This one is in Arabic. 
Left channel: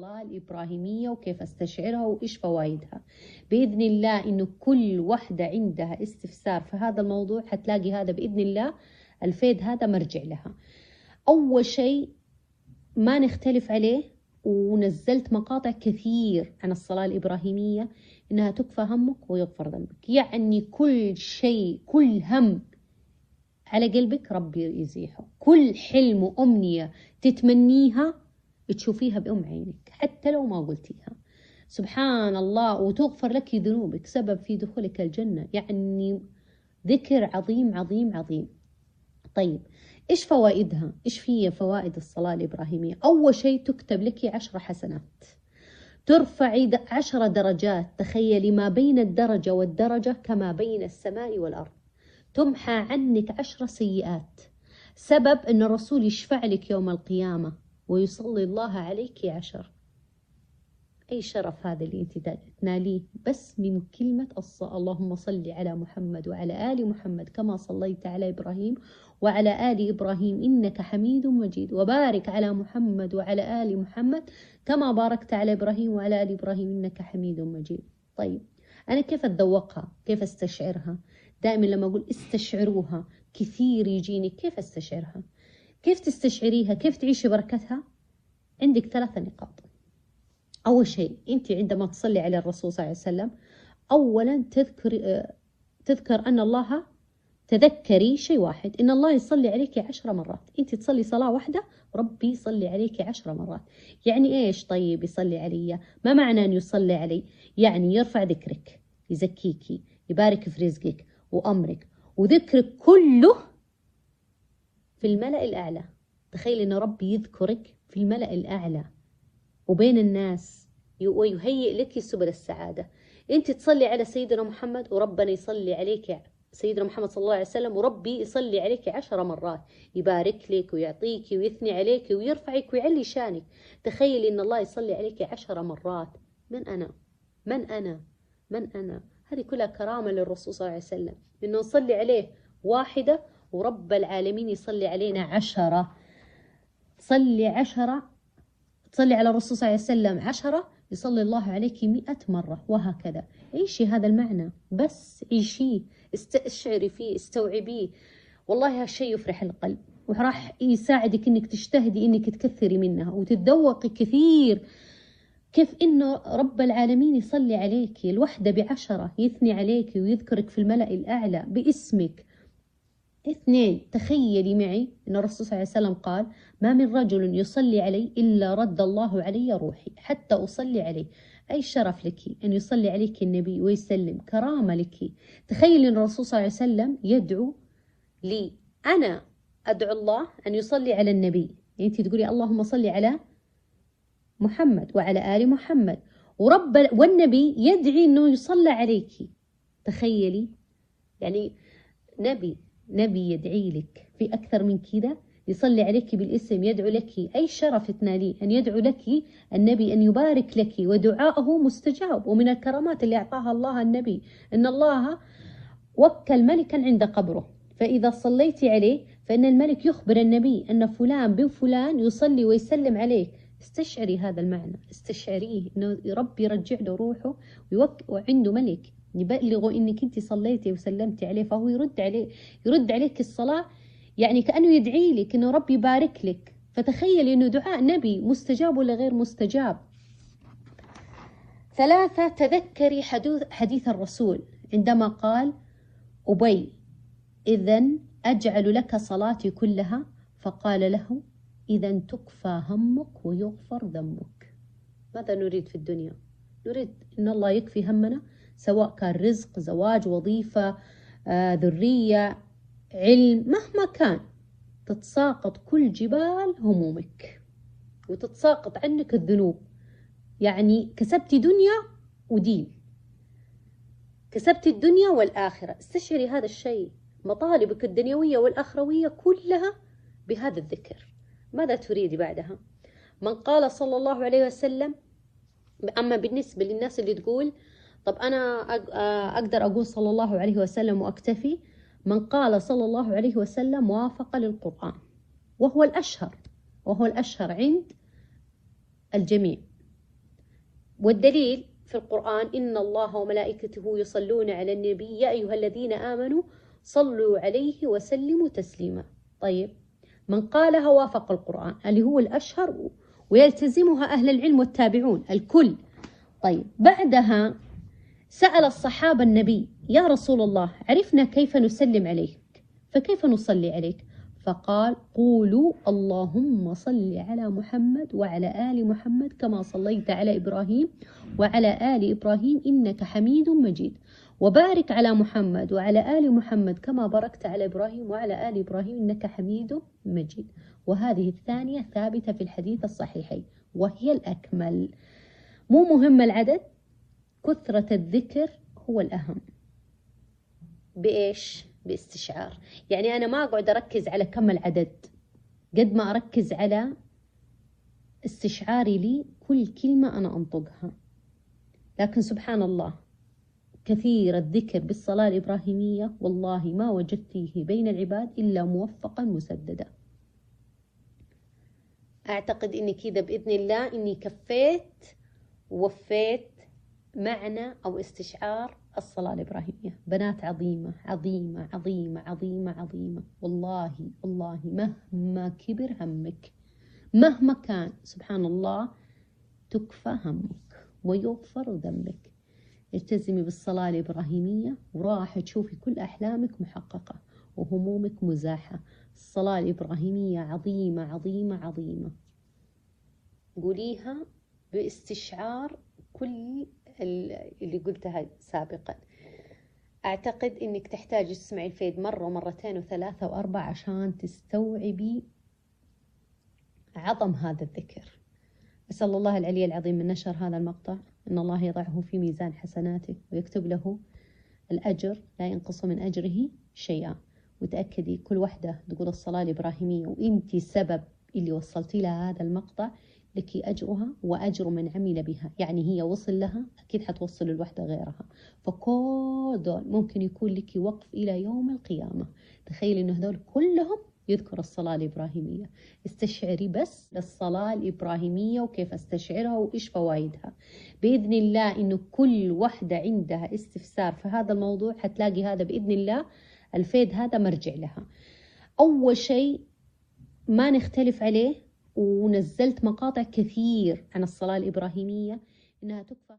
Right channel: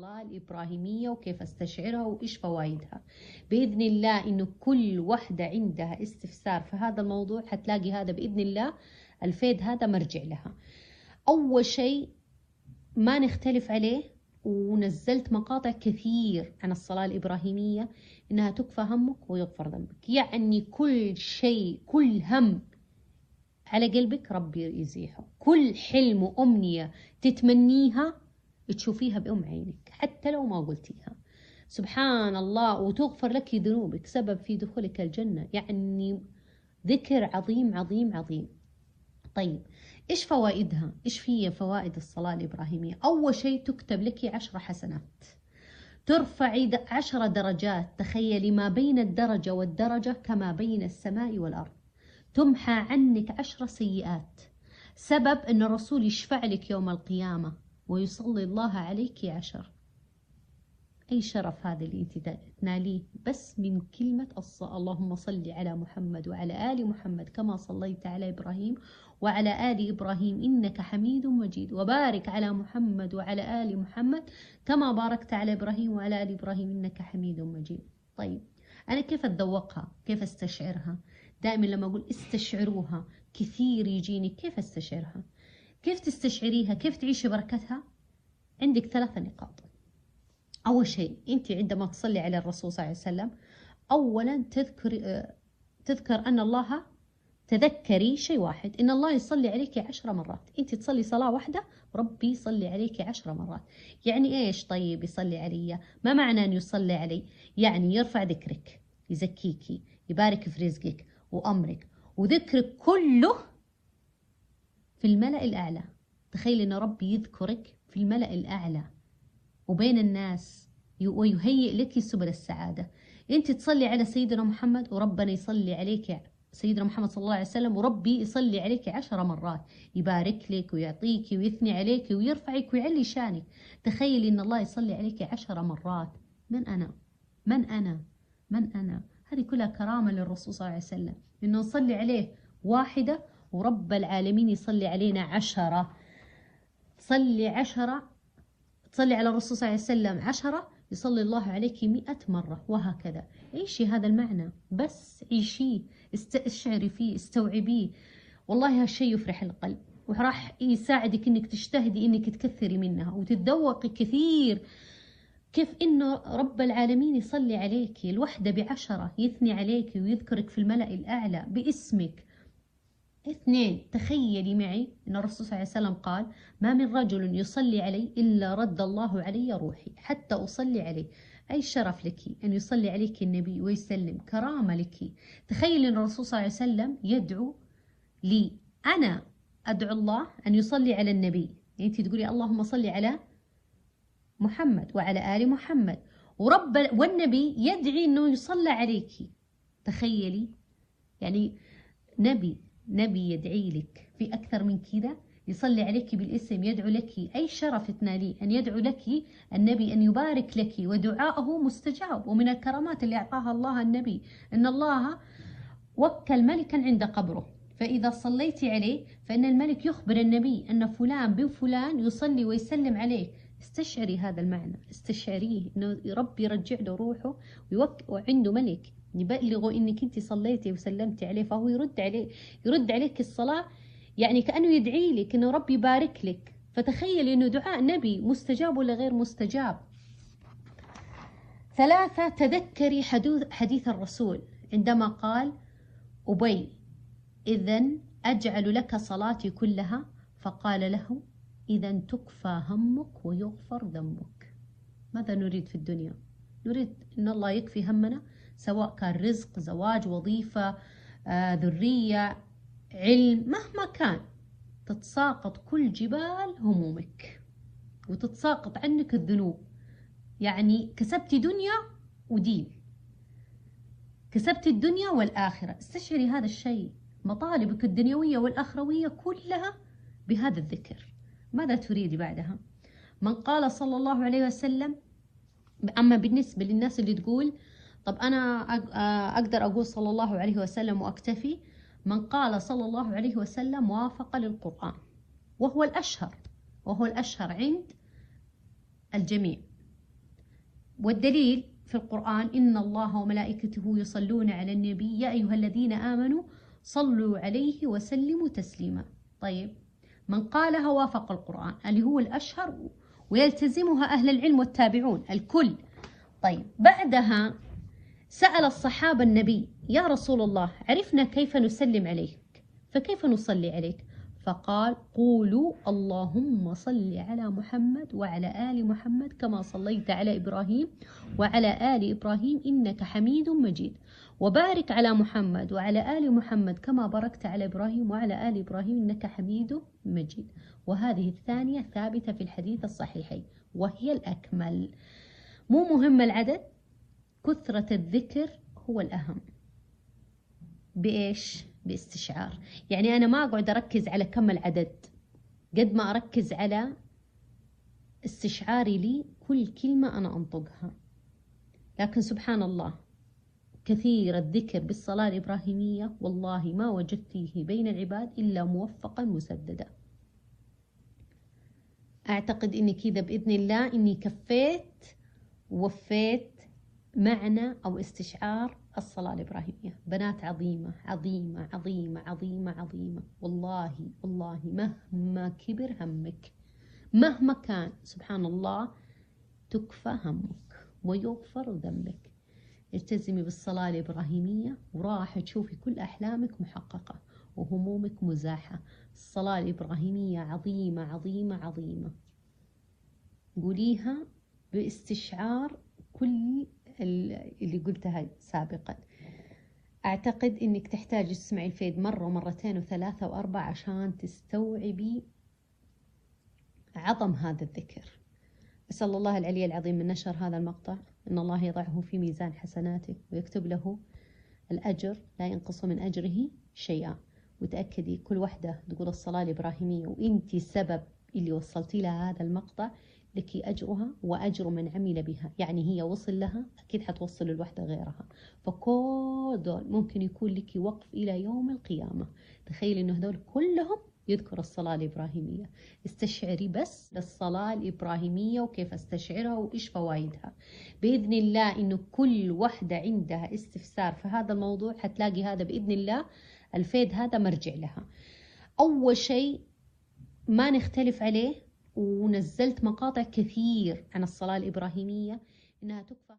الصلاة الإبراهيمية وكيف استشعرها وإيش فوائدها. بإذن الله إنه كل واحدة عندها استفسار في هذا الموضوع حتلاقي هذا بإذن الله الفيد هذا مرجع لها. أول شيء ما نختلف عليه، ونزلت مقاطع كثير عن الصلاة الإبراهيمية، إنها تكفى همك ويغفر ذنبك. يعني كل شيء، كل هم على قلبك ربي يزيحه، كل حلم وأمنية تتمنيها تشوفيها بأم عينك حتى لو ما قلتيها. سبحان الله، وتغفر لك ذنوبك، سبب في دخولك الجنة. يعني ذكر عظيم عظيم عظيم. طيب إيش فوائدها؟ إيش هي فوائد الصلاة الإبراهيمية؟ أول شيء تكتب لك 10 حسنات، ترفعي 10 درجات. تخيلي ما بين الدرجة والدرجة كما بين السماء والأرض. تمحى عنك 10 سيئات، سبب أن الرسول يشفع لك يوم القيامة ويصلي الله عليك 10. أي شرف هذا اللي أنت تناليه بس من كلمة اللهم صل على محمد وعلى آل محمد كما صليت على إبراهيم وعلى آل إبراهيم إنك حميد مجيد، وبارك على محمد وعلى آل محمد كما باركت على إبراهيم وعلى آل إبراهيم إنك حميد مجيد. طيب أنا كيف أتذوقها؟ كيف أستشعرها؟ دائما لما أقول استشعروها كثير يجيني كيف أستشعرها؟ كيف تستشعريها؟ كيف تعيشي بركتها؟ عندك 3 نقاط. أول شيء أنت عندما تصلي على الرسول صلى الله عليه وسلم، أولا تذكر أن الله، تذكري شيء واحد، إن الله يصلي عليك 10 مرات. أنت تصلي صلاة واحدة ربي يصلي عليك 10 مرات. يعني إيش؟ طيب يصلي علي، ما معنى أن يصلي علي؟ يعني يرفع ذكرك، يزكيكي، يبارك في رزقك وأمرك، وذكرك كله في الملأ الأعلى. تخيل إن ربي يذكرك في الملأ الأعلى وبين الناس، ويهيئ لك سبل السعادة. أنت تصلي على سيدنا محمد وربنا يصلي عليك، سيدنا محمد صلى الله عليه وسلم، وربي يصلي عليك 10 مرات، يبارك لك ويعطيك ويثني عليك ويرفعك ويعلي شانك. تخيلي إن الله يصلي عليك 10 مرات. من أنا؟ من أنا؟ من أنا؟ هذه كلها كرامة للرسول صلى الله عليه وسلم، إنه نصلي عليه 1 ورب العالمين يصلي علينا 10. صلي 10، تصلي على الرسول صلى الله عليه وسلم 10 يصلي الله عليك 100 مرة، وهكذا. عيشي هذا المعنى، بس عيشيه، استشعري فيه، استوعبيه. والله هالشيء يفرح القلب، وراح يساعدك انك تجتهدي انك تكثري منها وتتذوقي كثير كيف انه رب العالمين يصلي عليك الوحدة 10، يثني عليك ويذكرك في الملأ الأعلى باسمك. 2، تخيلي معي أن الرسول صلى الله عليه وسلم قال: ما من رجل يصلي علي إلا رد الله علي روحي حتى أصلي عليه. أي شرف لك أن يصلي عليك النبي ويسلم، كرامة لك. تخيلي أن الرسول صلى الله عليه وسلم يدعو لي، أنا أدعو الله أن يصلي على النبي. يعني أنت تقولي اللهم صل على محمد وعلى آل محمد، والنبي يدعي أنه يصلى عليك. تخيلي، يعني نبي يدعي لك، في أكثر من كذا؟ يصلي عليك بالاسم، يدعو لك. أي شرف تناليه أن يدعو لك النبي، أن يبارك لك، ودعاءه مستجاب. ومن الكرامات اللي أعطاها الله النبي أن الله وكل ملكا عند قبره، فإذا صليتي عليه فإن الملك يخبر النبي أن فلان بن فلان يصلي ويسلم عليك. استشعري هذا المعنى، استشعريه أنه ربي يرجع له روحه وعنده ملك يبلغوا انك انت صليتي وسلمتي عليه، فهو يرد عليك الصلاة، يعني كأنه يدعي لك انه ربي يبارك لك. فتخيلي انه دعاء نبي مستجاب ولا غير مستجاب. 3، تذكري حديث الرسول عندما قال: أبي إذن أجعل لك صلاتي كلها؟ فقال له: إذن تكفى همك ويغفر ذنبك. ماذا نريد في الدنيا؟ نريد ان الله يكفي همنا، سواء كان رزق، زواج، وظيفة، ذرية، علم، مهما كان. تتساقط كل جبال همومك وتتساقط عنك الذنوب. يعني كسبتي دنيا ودين، كسبتي الدنيا والآخرة. استشعري هذا الشيء، مطالبك الدنيوية والآخروية كلها بهذا الذكر. ماذا تريدي بعدها؟ من قال صلى الله عليه وسلم. أما بالنسبة للناس اللي تقول طب أنا أقدر أقول صلى الله عليه وسلم وأكتفي، من قال صلى الله عليه وسلم وافق للقرآن، وهو الأشهر عند الجميع. والدليل في القرآن: إن الله وملائكته يصلون على النبي يا أيها الذين آمنوا صلوا عليه وسلموا تسليما. طيب، من قالها وافق القرآن اللي هو الأشهر ويلتزمها أهل العلم والتابعون الكل. طيب، بعدها سأل الصحابة النبي: يا رسول الله، عرفنا كيف نسلم عليك، فكيف نصلي عليك؟ فقال: قولوا اللهم صل على محمد وعلى آل محمد كما صليت على إبراهيم وعلى آل إبراهيم إنك حميد مجيد، وبارك على محمد وعلى آل محمد كما باركت على إبراهيم وعلى آل إبراهيم إنك حميد مجيد. وهذه الثانية ثابتة في الحديث الصحيحين وهي الأكمل. مو مهم العدد، كثرة الذكر هو الأهم. بإيش؟ باستشعار. يعني أنا ما أقعد أركز على كم العدد قد ما أركز على استشعاري لي كل كلمة أنا أنطقها. لكن سبحان الله، كثير الذكر بالصلاة الإبراهيمية والله ما وجدت فيه بين العباد إلا موفقا مسددا. أعتقد إني كذا بإذن الله إني كفيت ووفيت معنى أو استشعار الصلاة الإبراهيمية. بنات عظيمة عظيمة عظيمة عظيمة عظيمة، والله والله مهما كبر همك، مهما كان، سبحان الله، تكفى همك ويغفر ذنبك. التزمي بالصلاة الإبراهيمية وراح تشوفي كل أحلامك محققة وهمومك مزاحة. الصلاة الإبراهيمية عظيمة عظيمة عظيمة. قوليها باستشعار كل اللي قلتها سابقا. أعتقد أنك تحتاج تسمعي الفيد مرة ومرتين وثلاثة وأربعة عشان تستوعبي عظم هذا الذكر. أسأل الله العلي العظيم من نشر هذا المقطع أن الله يضعه في ميزان حسناته ويكتب له الأجر لا ينقص من أجره شيئا. وتأكدي كل واحدة تقول الصلاة الإبراهيمية وإنتي سبب اللي وصلتي لها هذا المقطع، لك أجرها وأجر من عمل بها. يعني هي وصل لها، أكيد حتوصل الوحدة غيرها. فكل دول ممكن يكون لك وقف إلى يوم القيامة. تخيلي إنه هذول كلهم يذكر الصلاة الإبراهيمية. استشعري بس الصلاة الإبراهيمية وكيف استشعرها وإيش فوائدها. بإذن الله إنه كل واحدة عندها استفسار في هذا الموضوع حتلاقي هذا بإذن الله الفيد هذا مرجع لها. أول شيء ما نختلف عليه، ونزلت مقاطع كثير عن الصلاة الإبراهيمية إنها تكفى